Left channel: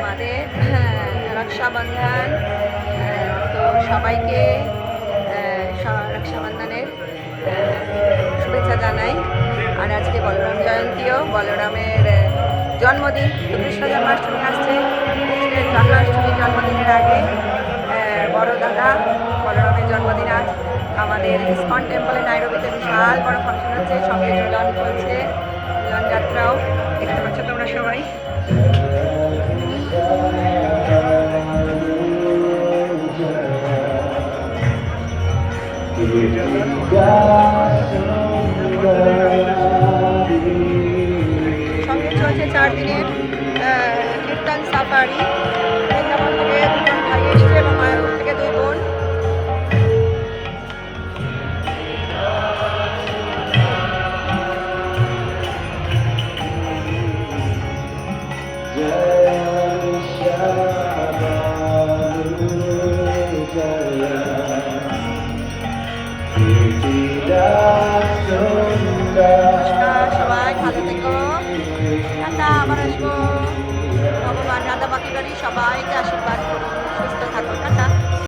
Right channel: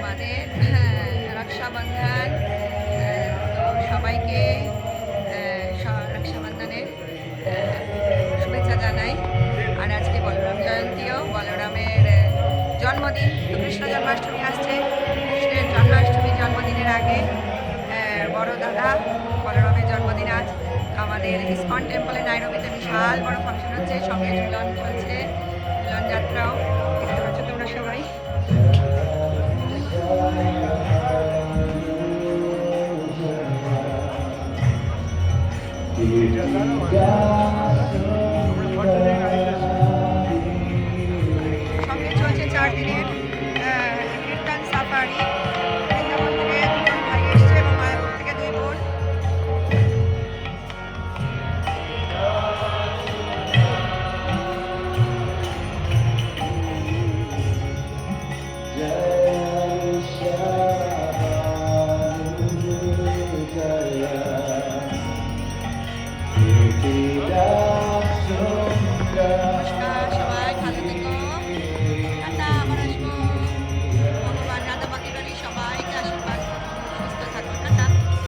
আমাদের রক্ষাবন্ধন। তো সবাইকে রক্ষাবন্ধনের শুভেচ্ছা জানাই। আর আজকে বলরাম জয়ন্তীও, বলরামের জন্মদিন। তো কৃষ্ণ জন্মাষ্টমী আসছে। কৃষ্ণের জন্মাষ্টমী জন্মদিনের আগে বড় দাদা বলরামের জন্মদিন আজ। আমাদের ইসকন টেম্পলে নাইরোবিতে বিশাল বড় ফাংশন হচ্ছে, সঙ্গে ঝুলন চলছে, ঝুলন যাত্রাও দেখতে পাচ্ছ তোমরা সবাই। সঙ্গে চলছে 4 দিনের কীর্তন সাফারি। বৃন্দাবন থেকে 2 ভাই এসছে এবং মায়াপুর থেকে 2 বোন। সবাই ভালো থেকো, টাটা, আবার আসবো। ভগবান রাধা বাকি বাড়ি সবাইকে আশীর্বাদ।